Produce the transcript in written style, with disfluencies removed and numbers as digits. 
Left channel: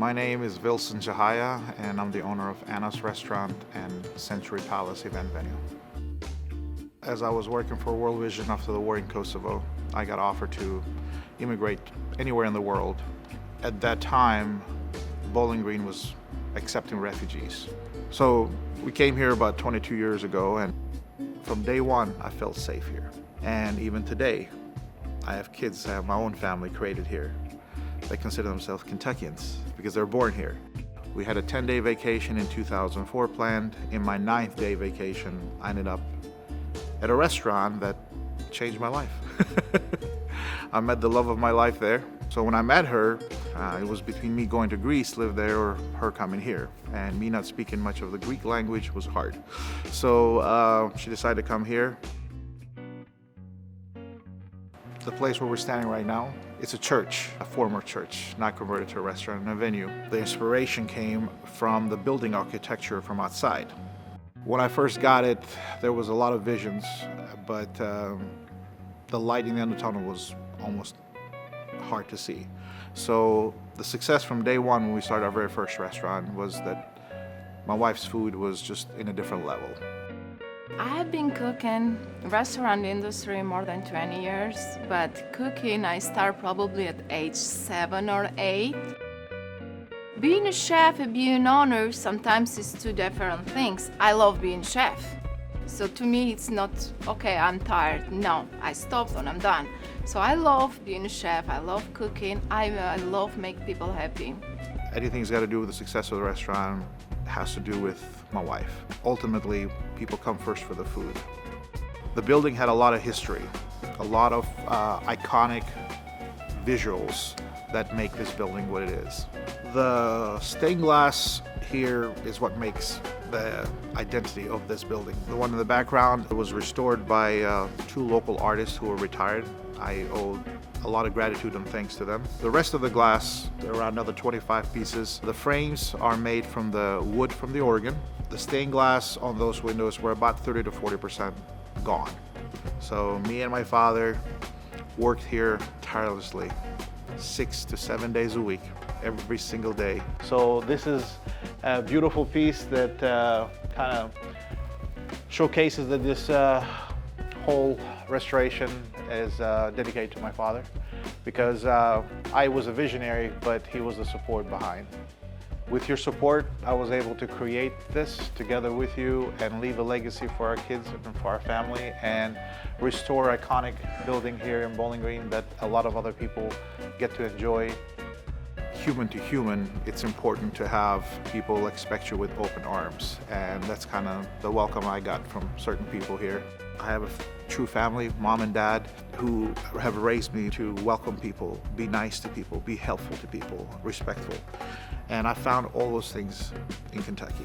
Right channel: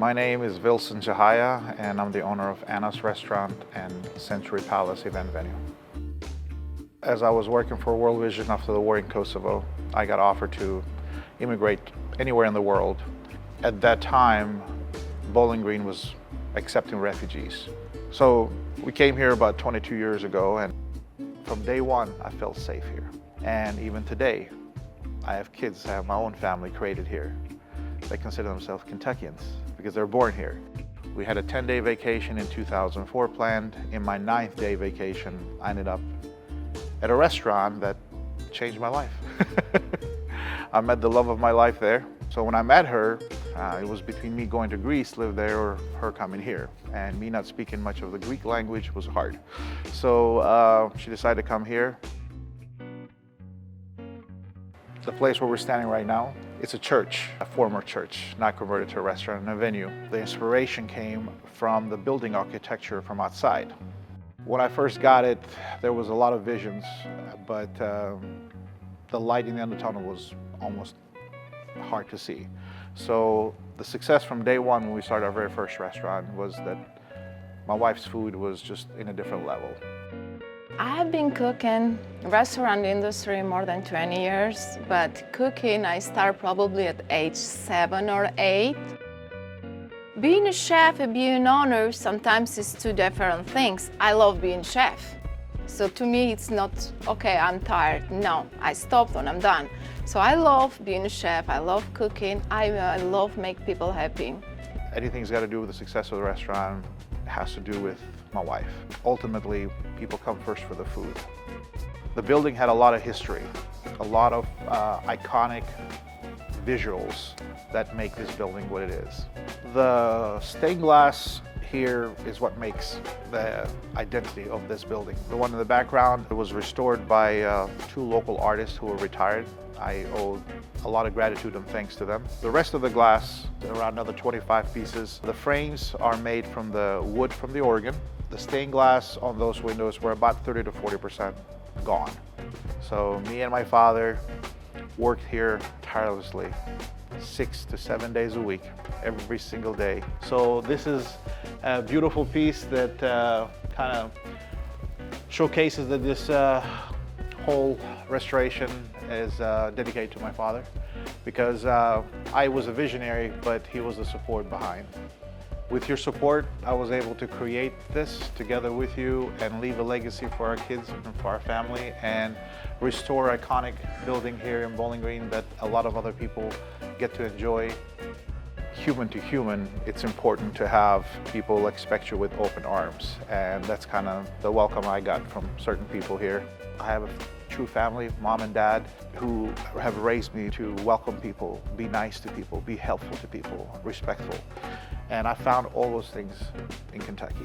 My name is Vilson Qehaja, and I'm the owner of Anna's Restaurant and Century Palace event venue. As I was working for World Vision after the war in Kosovo, I got offered to immigrate anywhere in the world. At that time, Bowling Green was accepting refugees. So we came here about 22 years ago, and from day one, I felt safe here. And even today, I have kids, I have my own family created here. They consider themselves Kentuckians because they were born here. We had a 10-day vacation in 2004 planned. In my 9th day vacation, I ended up at a restaurant that changed my life. I met the love of my life there. So when I met her, it was between me going to Greece, live there, or her coming here. And me not speaking much of the Greek language was hard. So she decided to come here. The place where we're standing right now, it's a church, a former church, not converted to a restaurant and a venue. The inspiration came from the building architecture from outside. When I first got it, there was a lot of visions, but the light in the end of the tunnel was almost hard to see. So the success from day one when we started our very first restaurant was that my wife's food was just in a different level. I have been cooking restaurant industry more than 20 years, but cooking I start probably at age 7 or 8. Being a chef and being an owner sometimes is two different things. I love being chef. So to me it's not, okay, I'm tired. No, I stopped when I'm done. So I love being a chef, I love cooking, I love make people happy. Anything's got to do with the success of the restaurant has to do with my wife. Ultimately, people come first for the food. The building had a lot of history, a lot of iconic visuals that make this building what it is. The stained glass here is what makes the identity of this building. The one in the background was restored by 2 local artists who were retired. I owe a lot of gratitude and thanks to them. The rest of the glass, there are around another 25 pieces. The frames are made from the wood from the organ. The stained glass on those windows were about 30 to 40% gone. So me and my father worked here tirelessly, 6 to 7 days a week, every single day. So this is a beautiful piece that kind of showcases that this whole restoration is dedicated to my father, because I was a visionary, but he was the support behind. With your support, I was able to create this together with you and leave a legacy for our kids and for our family, and restore iconic building here in Bowling Green that a lot of other people get to enjoy. Human to human, it's important to have people expect you with open arms, and that's kind of the welcome I got from certain people here. I have a true family, mom and dad, who have raised me to welcome people, be nice to people, be helpful to people, respectful. And I found all those things in Kentucky.